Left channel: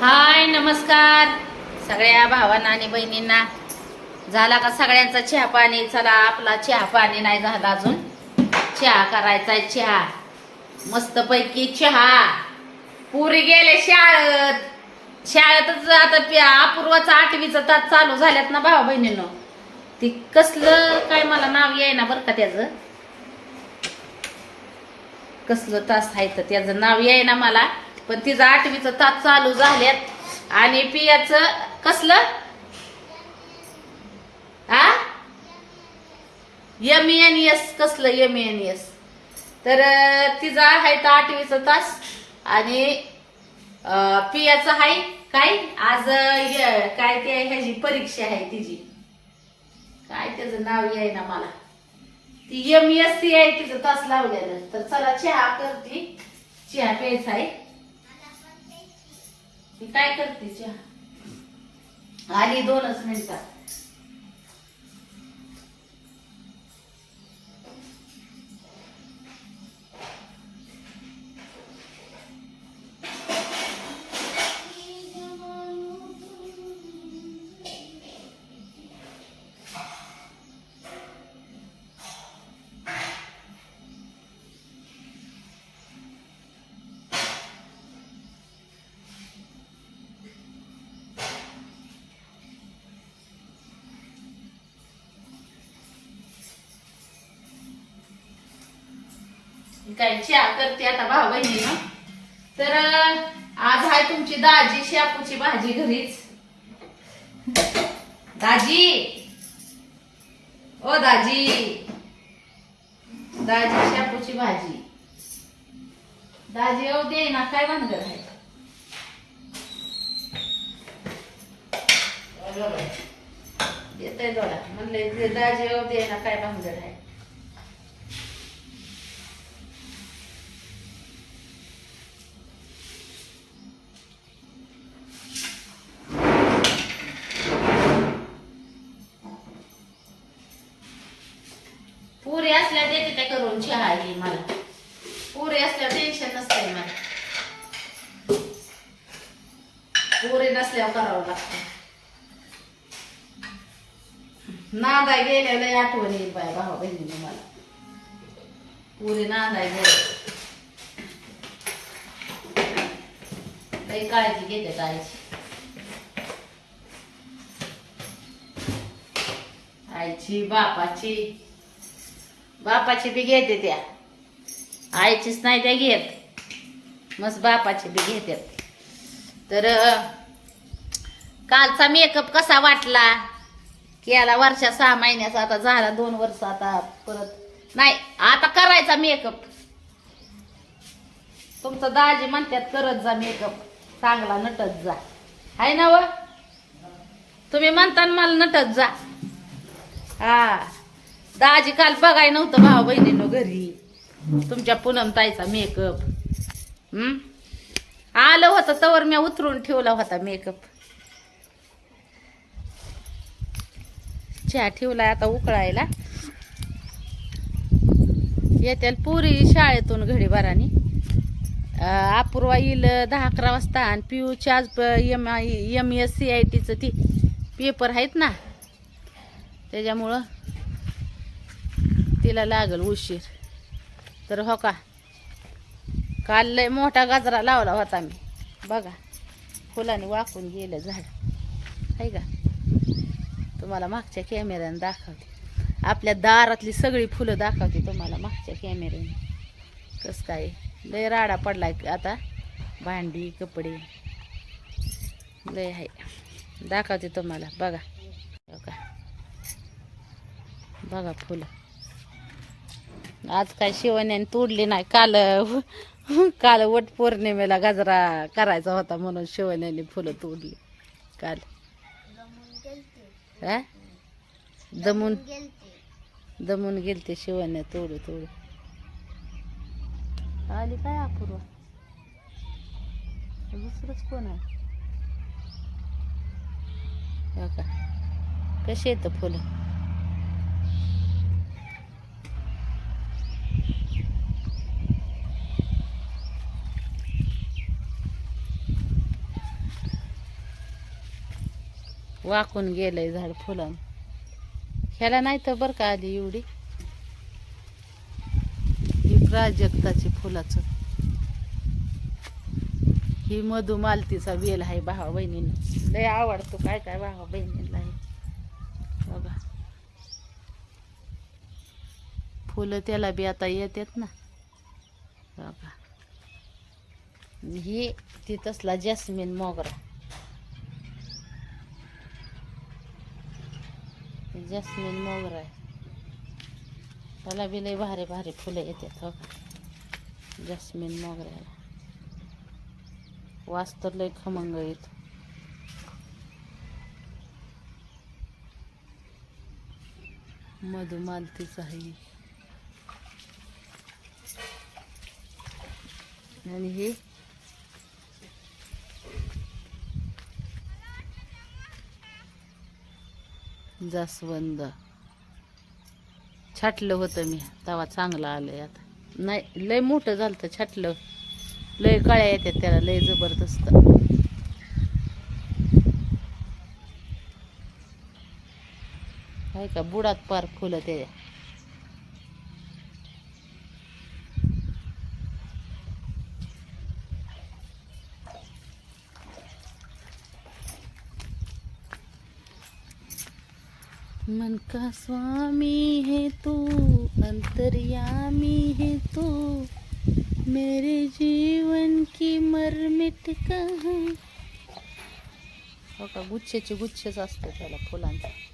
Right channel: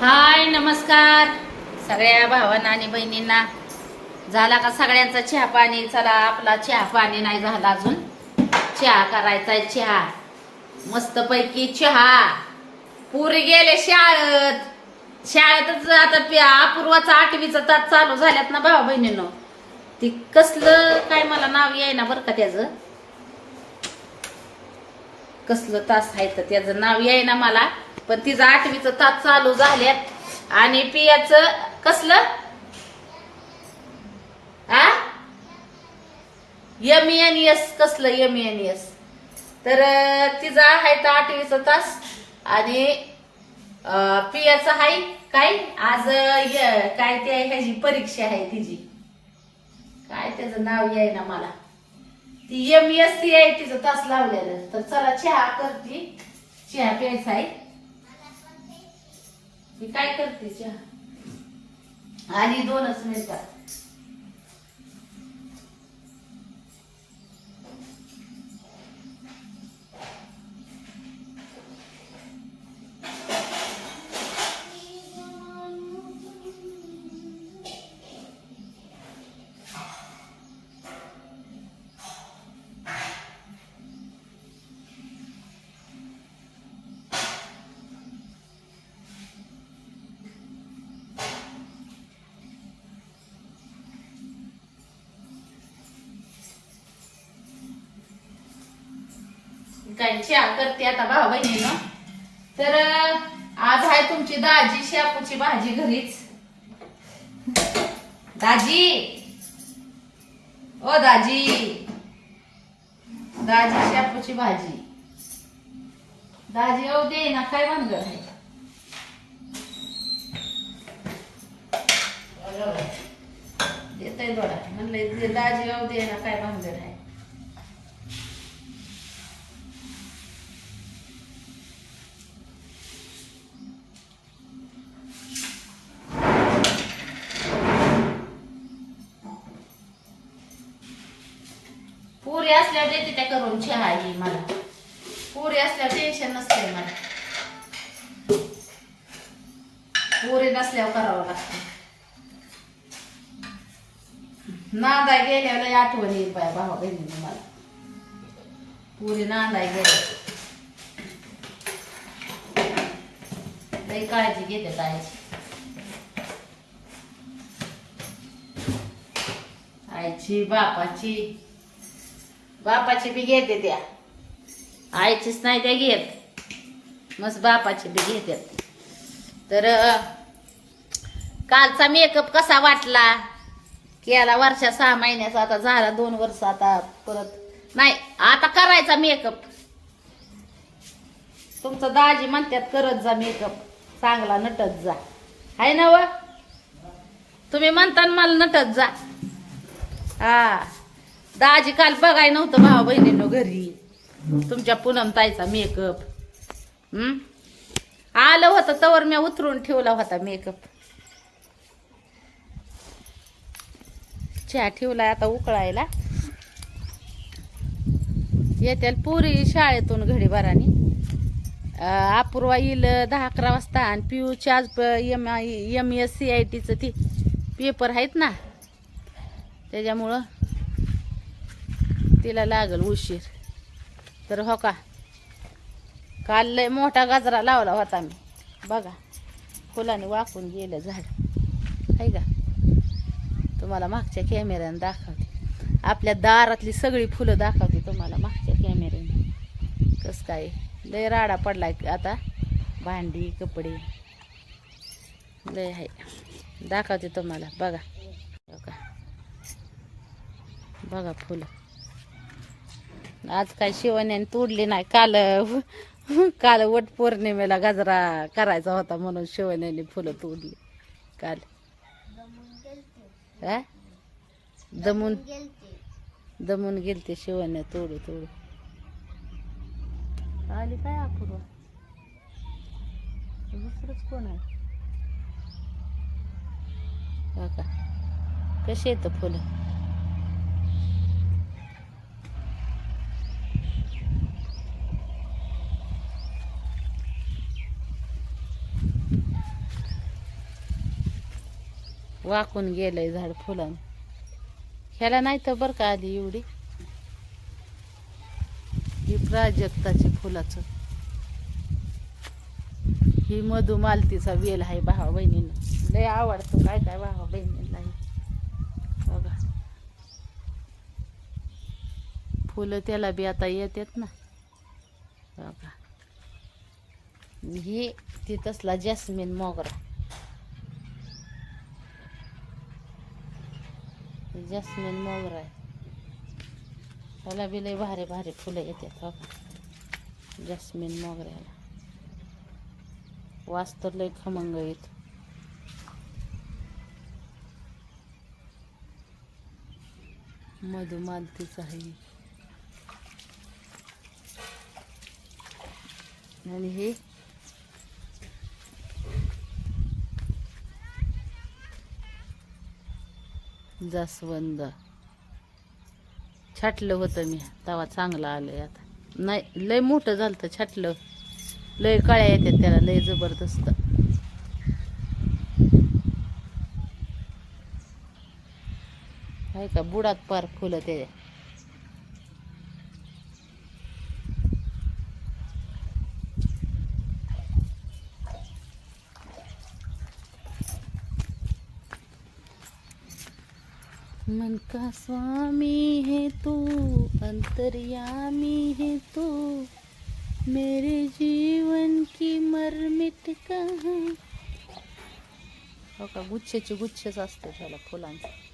हाय नमस्कार. सगळ्या भावांना आणि बहिणींना. झाला का सगळ्यांचा चहा पाणी? चला आपला चहा पाणी नाही झाला अजून. चहा करायचा चहा. मस्त पैकी चहा. पुरी गेले शाळेत. शाळेतच आता प्या अपूर्वाचा आठवीचा तास चालू झाल्यात ना भावा बहिणीनं ती कसलं काय मला नाव येईना बरं का त्याचं? कसलं तास आहे तर त्याचं नाव येईना मला पण तिचं आठवीचं तास चालू झाल्यात. आणि पियाच कसलं? आ? एम एन एस कसलं एम एन एस तर तिचा आहे तर आठवीचा तास. आणि अं, पियाचं आहे काय? आज काय ते ह्याची परीक्षा आहे तिची. काय त्याचं नाव येईना मला? ती एम एस सी आहे तिचं तास लावलेलं तर चला चहा करते. चहा प्यायचा आहे. मी काय करते चहा? आली दोनच मिनिटात मी काय चहा करते आता बहिणी बहिणीनं तर आज आहे तुमची दाजी शापूची भाजी घरीच. दाजी! ओ दाजी! दाजी शापूची भाजी. दाजी ओ दे ना काय भानगड आहे? देते दोडा म्हणले दाजी ओ दे ना काय भानगड आहे? असल्यावर देते त्या करून चहा ही मला. पुरी असल्यावर टेन्शन नसते मला. पुरी नसल्यावर करावं लागतं. नांदाय गेलेलं आठवण येईल बाय भावा बहिणीने मला. पुरी नांदाय गेले काळजी घेते आईची आईची बापाची. बापाची बी घेते त्या. आईचीच नाही त्या घेत. मस्त बापाची बी घेतात तर कालचा मेकअप कसा वाटला? केला वर्षा सहा महिन्याचा आता झाला दोन वर्ष आता परत. नाही आता करायचा मेकअप तुमचं दाजी म्हणतात करत जा मेकअप चांगला नटत जा. आहे ना व? तुम्ही म्हणता मला नटत जा. हा. दाजी काल बघाय नव्हतं भाऊ बहिणीनं घरी. तुमच्या पूनम ताईचा मेकअप हम्म? आलं होतं तवर मी उतरून ठेवला होता मेकअप चहा ठेवलाय आता उकळायला. येत्या पुरी शाळेतून घडी अपूर्वा येईल दहा अकरा वाजता आणि पियूची आज M M S C I टीचं ती पेपर आहेत ना. त्याच्यामुळं तिला लागल उशीर. तर हो का? काल लय मोठा गाजरा लावला होता मी. बघा फुलाने वाकून गेलं झालं आहे का? तुम्हाला मागच्या कॅमेऱ्याने दाखवते. आपल्या दारातली सगळी फुलं दाखवते तुम्हाला मागच्या कॅमेऱ्याने कसं काय? लय राडा पडलाय आता. भांडी कपडे. लय आहे दाखवते तुम्हाला. बघा. हो का? बघा फुलं. आज काय शिवण्याने तोडली नाही. काल काल वट पौर्णिमेला गजरा करायचा होता म्हणून शिवण्याने फुलं तोडली. काल. हा? दमून दमून गेलते शिवण्या तोडू तोडू. आली काय अपूर्वा? दुसरंच कोण आहे? हो का? कशी येतं फुलं? वाकून गेलंय झाड फुलं ह्याला नाही तर बरं का आली एवढी? ही प्राजक्ताची फुलाचं. ही मधुमालतीचा वेल आहे भावा बहिणींना. लय आवडतो काय काय भावा बहिणींना हे. बघा. फुलं त्याला बी आता येतात ना. बघा. ही ती तसला जॅस्मिन मोगरा. जस्मिन मोगरा आहे. त्याला बी लय भारी भारी फुलं येतात हो का? जॅस्मिन मोगऱ्याला. वास तर लय खमंग येतो मधुमालतीच आहे. आणि हे जास्वंद. छाटलं होतं मी तवा चांगला आलंय आता. नाही लय मोठं झालं तर छाटलं. लय काळ्या येतात त्याला लय जबरदस्त. आहे का बुडात पार फुलं त्याच्या का स्वामी है तू? अंतर्यामी है तू? मेरे जीवन की मरमिट कहाँ हो का गुच्छेचे गुच्छेच असते त्याला फुलांचे.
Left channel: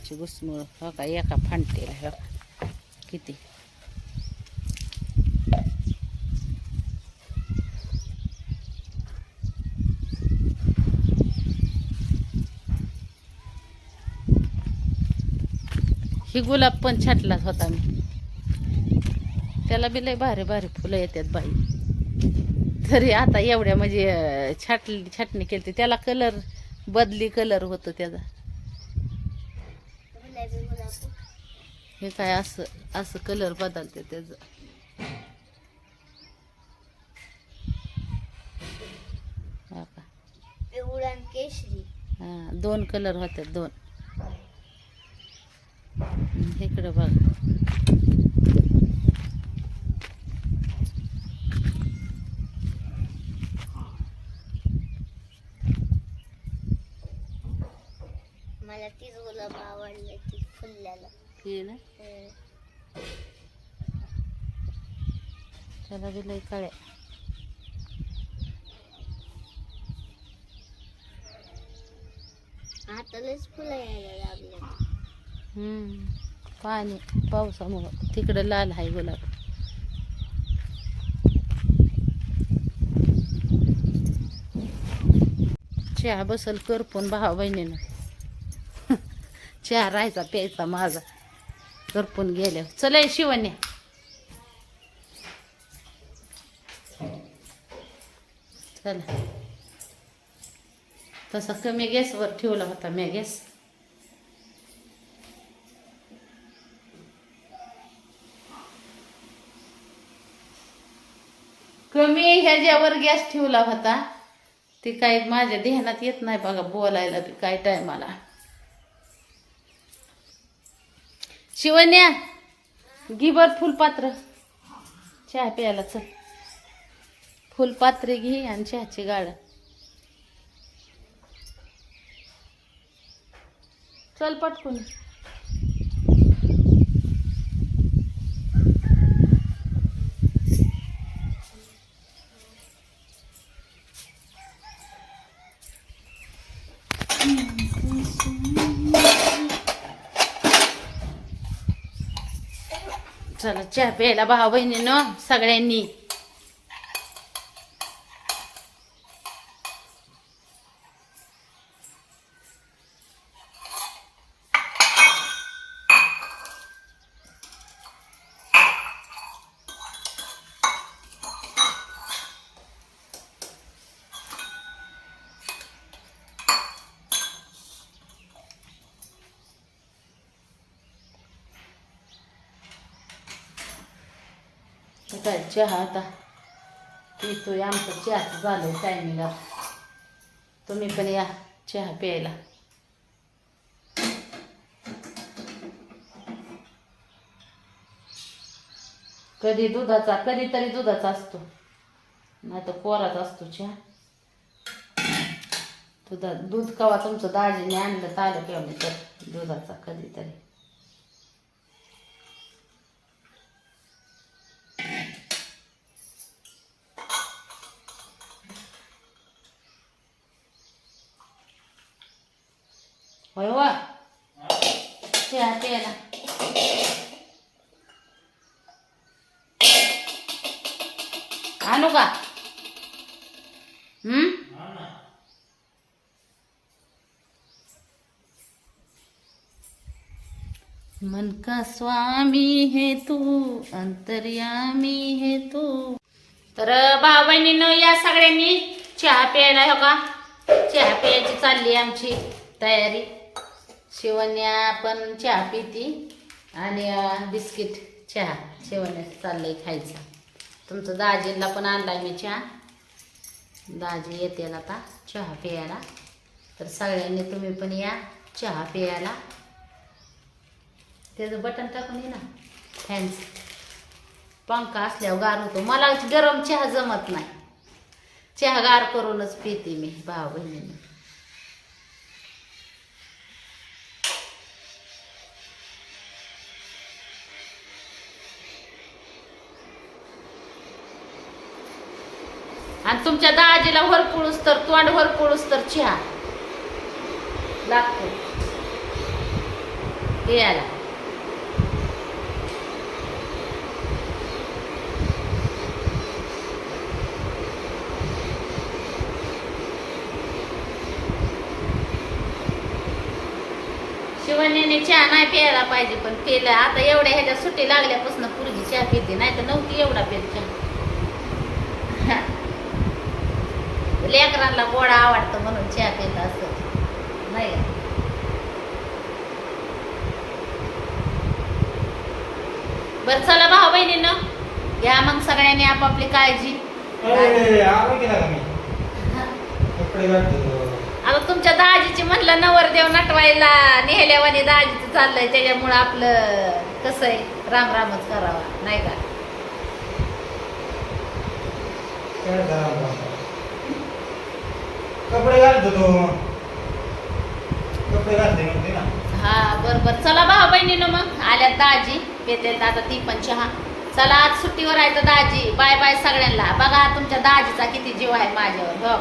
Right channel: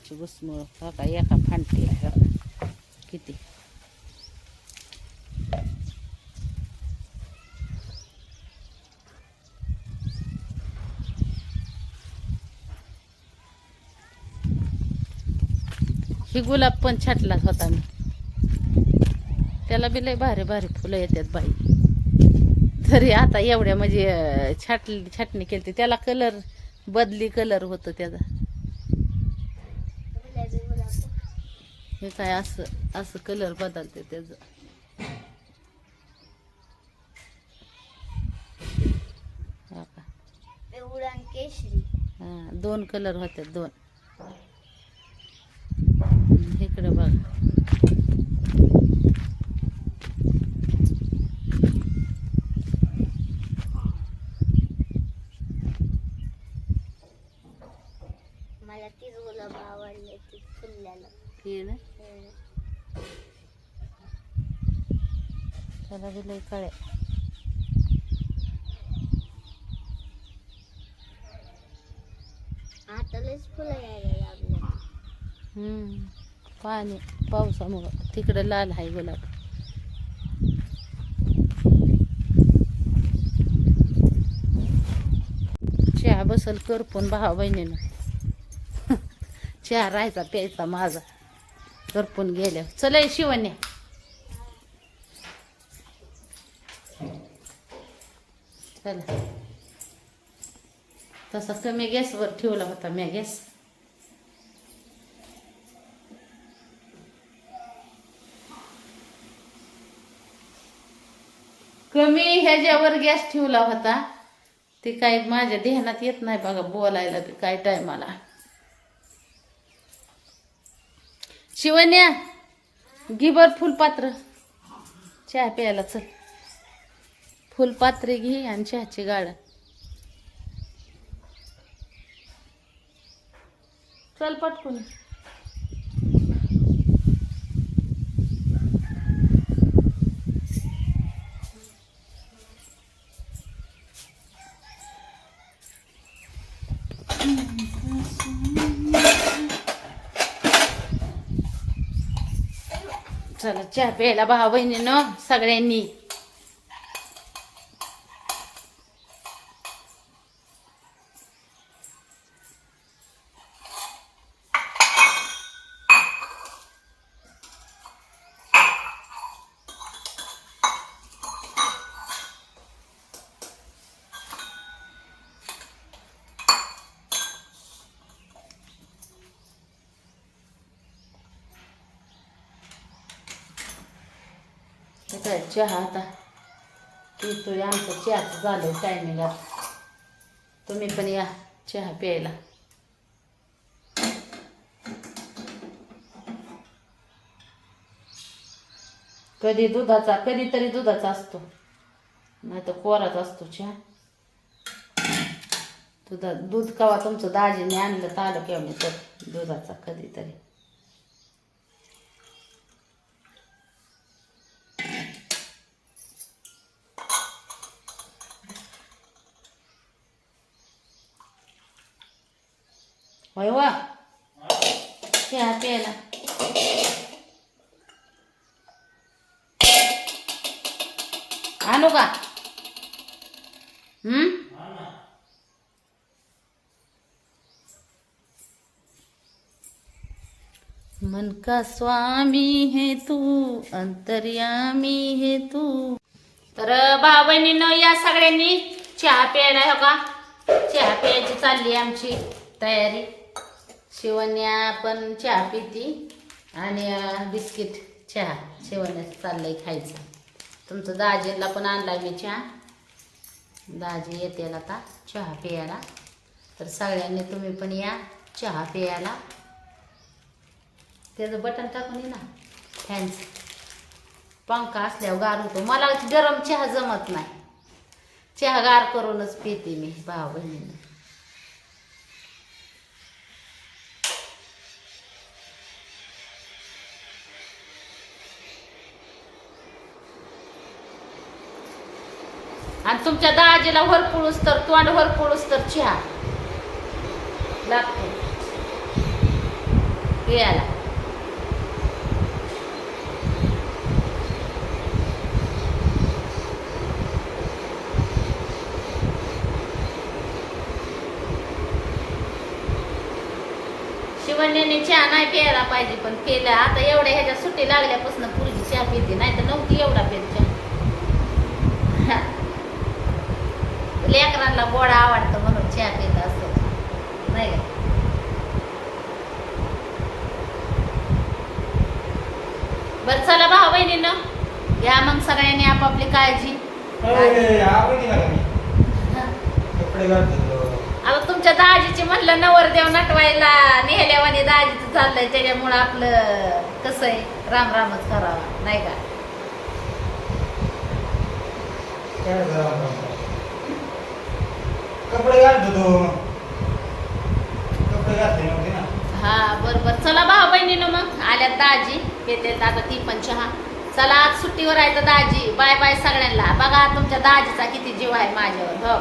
घुसमुळची घुसमुळ. हा का एका फांटी हो किती? ही गुलाब पण छाटलाच होता मी. त्याला बी लय भारी भारी फुलं येतात बाई. तरी आता एवढ्या म्हणजे छाटली छाटणी केली त्याला कलर बदली कलर होतो त्याचा. हे काय असं असं कलर बदलते त्याचं. आणि केशरी हा दोन कलर होते दोन. इकडे बघ. मला तीच गुलाब आवडले ती फुललेलं. ना? त्याला बी लय कळ्या आता लयच फुलं यायला लागले. हम्म. पाणी पावसामुळं. तिकडं लाल आहे गुलाब. चहा बसल करपून भावा बहिणीनं. चहा राहायचा प्यायचा माझा. करपून गेल्या चला शिवण्या. चला. तसा कमी गॅसवर ठेवला होता मी गॅस. कमी ह्याच्यावर गॅस ठेवला होता. ते काय माझ्या ध्यानात येत नाही बघा बोलायला ते काय टायमाला शिवण्या गिबर फुलपात्र. चहा प्यायला चल. फुलपात्रे घे आणि चहाची गाड चल पटकून चला चहा प्यायला भाव बहिणीनं सगळ्यांनी. काय चहा आता. पितोय आमचं चहाचं झालं टायमिंग तुम्ही पण या चहा प्यायला. कधी दुधाचा कधीतरी दुधाचा असतो. नाही तर कोराच असतो चहा. दुधा दूध कवा तुमचं दाजीने आणलं तालं आलं किंवा मी तर दुधाचा कधीतरी. होय वा चहा प्यायला आणू का? हम्म? मन का स्वामी है तू अंतर्यामी है तू. तर भाऊ बहिणीनं या सगळ्यांनी चहा प्यायला हो का? चहा प्यायची चालली आमची तयारी. शिवण्या पण चहा पिती आणि बिस्किट चहा शिवण्याचं चाललंय खायचं. तुमचं दाजीला पण आणलाय मी चहा. दाजी येते आता चहा प्यायला. तर सगळ्यांनी तुम्ही पण या चहा प्यायला. त्याचं बटन टाकून ये ना. फॅनचं पंखा असल्यावर गार होतो. मला गरम चहा जमत नाही. चहा गार करूनच पिते मी भाऊ बहिणीनं. आणि तुमच्या दाजीला वरपुळूस तर तोंड वरपुळूस तर चहा. लागतो. पियाला शिवण्याने चहा नाही प्यायला पाहिजे पण केलं. आता एवढ्या ह्याच्या सुट्टी लागल्यापासून पुरजी चहा पिते नाही तर नव्हती एवढा पेत चहा. लेकरांना गोडा आवडतं म्हणून चहा पित असं. नाही का? बरं चला भाऊ बहिणीनं घ्या मग सगळ्यांनी आपापली काळजी. आता तुमच्या दाजीची म्हणलं नवरदेव नटवायला नेहल्यावानी दाजीचं चाललंय त्याच्यामुळं आपलं कसं आहे राम रामच करावा नाही का? कपडे घालतो तो. कपडे घालते म्हणते ना. हा बरं बरं चला भाऊ बहिणीनं मग. आल्यात दाजी. पेते आता ती पण चहा. चला आज सुट्टीवर आहे तर दाजी. बाय बाय सगळ्यांना. बघा तुमच्या दाजीचा किती जीव आहे माझ्यावर. हो.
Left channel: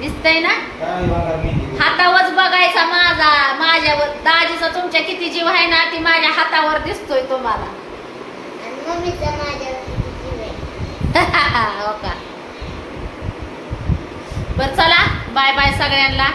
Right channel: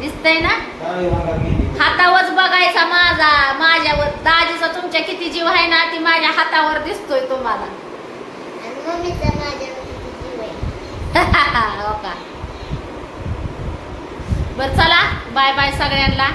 दिसतंय ना? हातावरच बघायचा माझा. माझ्यावर. दाजीचा तुमच्या किती जीव आहे ना ती माझ्या हातावर दिसतोय तुम्हाला. आणि मम्मीचा माझ्यावर किती जीव आहे? हो का? बरं चला. बाय बाय सगळ्यांना.